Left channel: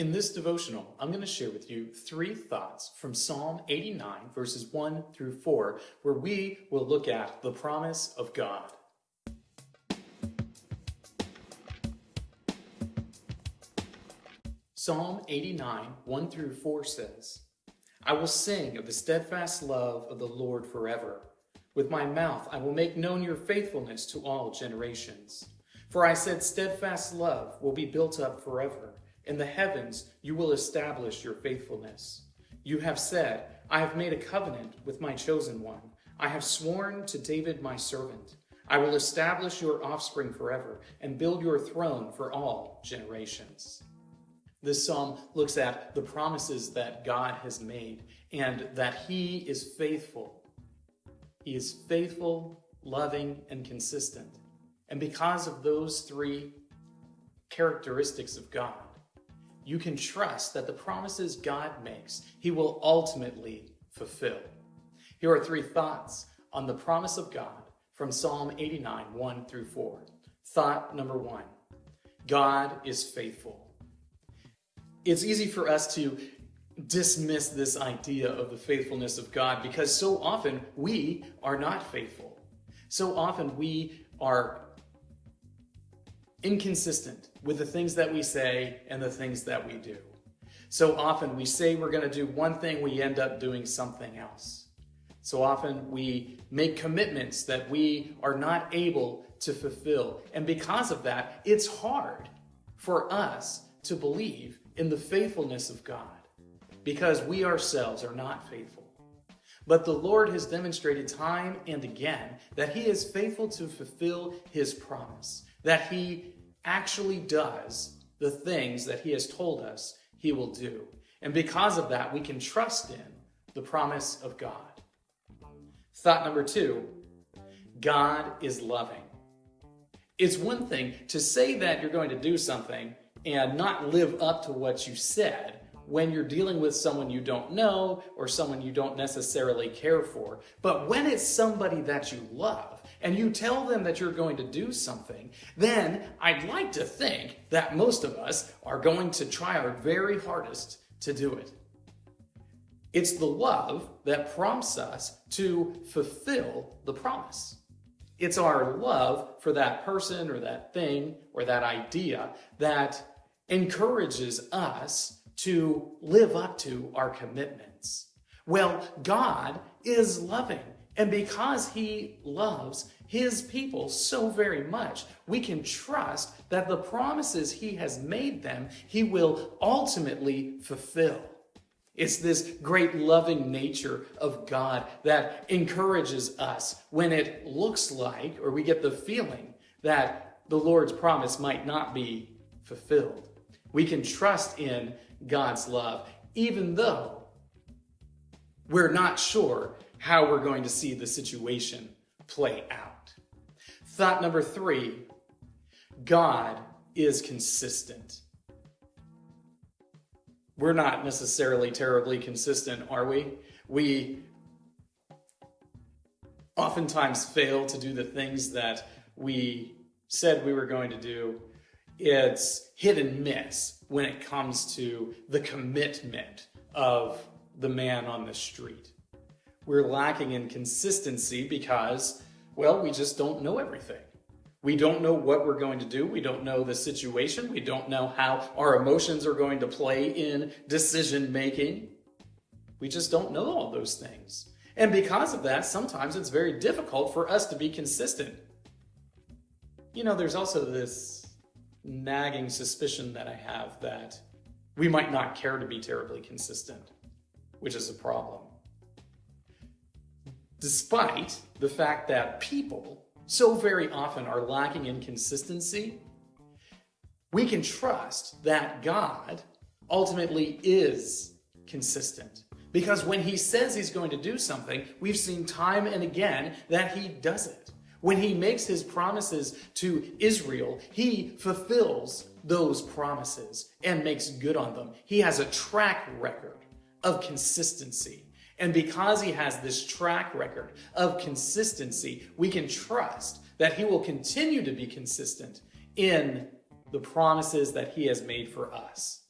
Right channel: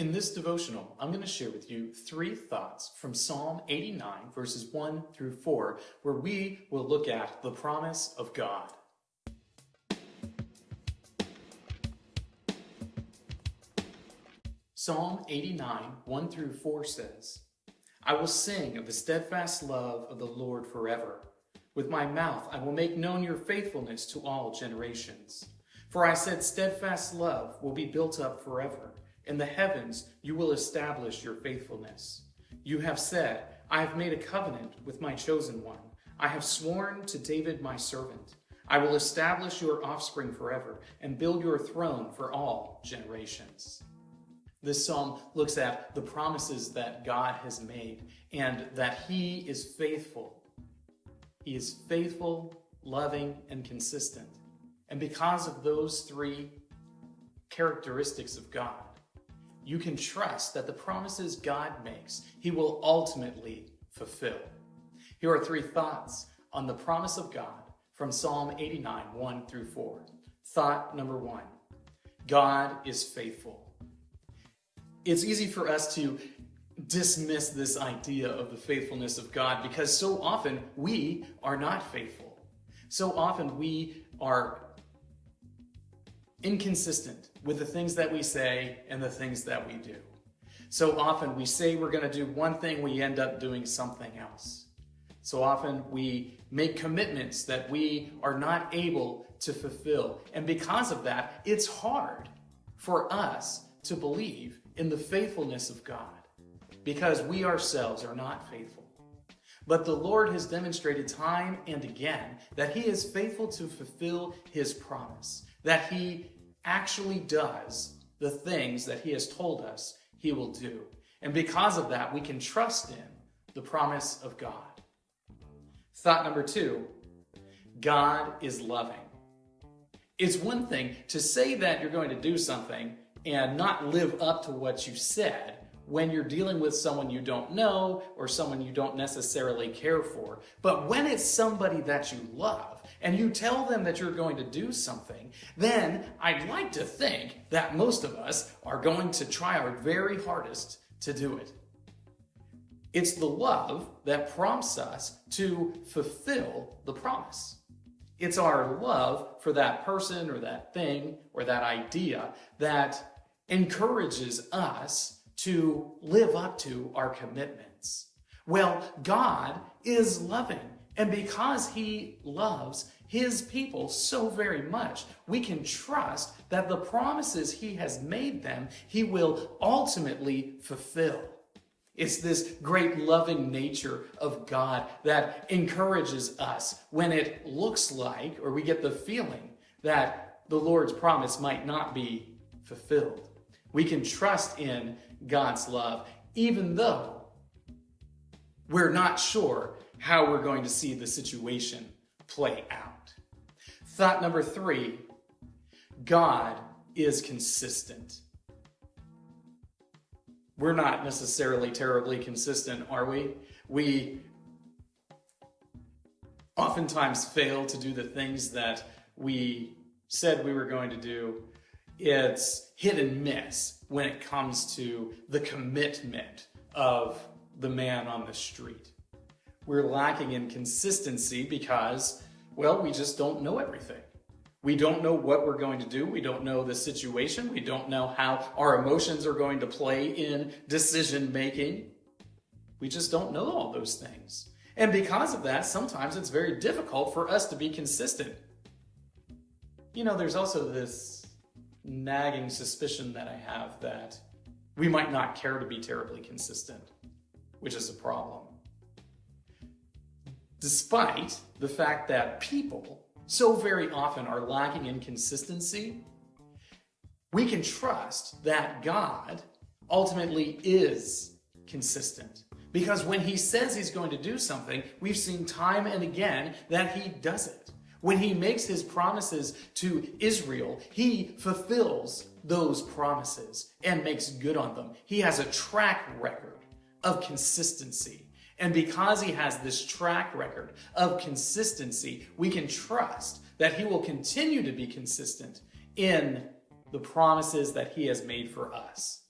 In this devotional, I'm going to share with you 3 thoughts from Psalm 89, verses 1 through 4, where we will look at the promise of God. Psalm 89, 1 through 4 says, I will sing of the steadfast love of the Lord forever. With my mouth I will make known your faithfulness to all generations. For I said, steadfast love will be built up forever. In the heavens you will establish your faithfulness. You have said, I have made a covenant with my chosen one. I have sworn to David my servant. I will establish your offspring forever and build your throne for all generations. This psalm looks at the promises that God has made and that He is faithful. He is faithful, loving, and consistent. And because of those 3 characteristics of God, you can trust that the promises God makes, He will ultimately fulfill. Here are 3 thoughts on the promise of God from Psalm 89, 1 through 4. Thought number 1, God is faithful. It's easy for us to dismiss this idea of the faithfulness of God because so often we are not faithful. So often we are inconsistent with the things that we say and the things that we do. So often we say we're going to do one thing, we end up doing something else. So often we make commitments that we are not able to fulfill. And because of that, it's hard for us to believe in the faithfulness of God because we ourselves are not faithful. But the Lord has demonstrated time and again that He is faithful to fulfill His promise, that He actually does the things that He has told us He will do. And because of that, we can trust in the promise of God. Thought number 2, God is loving. It's one thing to say that you're going to do something and not live up to what you said when you're dealing with someone you don't know or someone you don't necessarily care for. But when it's somebody that you love and you tell them that you're going to do something, then I'd like to think that most of us are going to try our very hardest to do it. It's the love that prompts us to fulfill the promise. It's our love for that person or that thing or that idea that encourages us to live up to our commitments. Well, God is loving, and because He loves His people so very much, we can trust that the promises He has made them, He will ultimately fulfill. It's this great loving nature of God that encourages us when it looks like, or we get the feeling that the Lord's promise might not be fulfilled. We can trust in God's love, even though we're not sure how we're going to see the situation play out. Thought number 3, God is consistent. We're not necessarily terribly consistent, are we? We oftentimes fail to do the things that we said we were going to do. It's hit and miss when it comes to the commitment of the man on the street. We're lacking in consistency because, well, we just don't know everything. We don't know what we're going to do. We don't know the situation. We don't know how our emotions are going to play in decision making. We just don't know all those things. And because of that, sometimes it's very difficult for us to be consistent. You know, there's also this nagging suspicion that I have that we might not care to be terribly consistent, which is a problem. Despite the fact that people so very often are lacking in consistency, we can trust that God ultimately is consistent. Because when He says He's going to do something, we've seen time and again that He does it. When He makes His promises to Israel, He fulfills those promises and makes good on them. He has a track record of consistency. And because He has this track record of consistency, we can trust that He will continue to be consistent in the promises that He has made for us.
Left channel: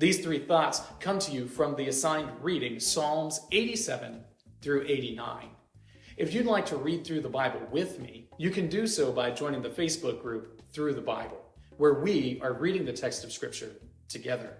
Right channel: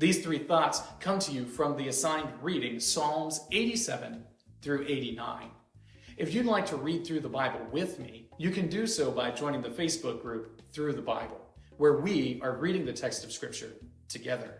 These three thoughts come to you from the assigned reading, Psalms 87 through 89. If you'd like to read through the Bible with me, you can do so by joining the Facebook group Through the Bible, where we are reading the text of Scripture together.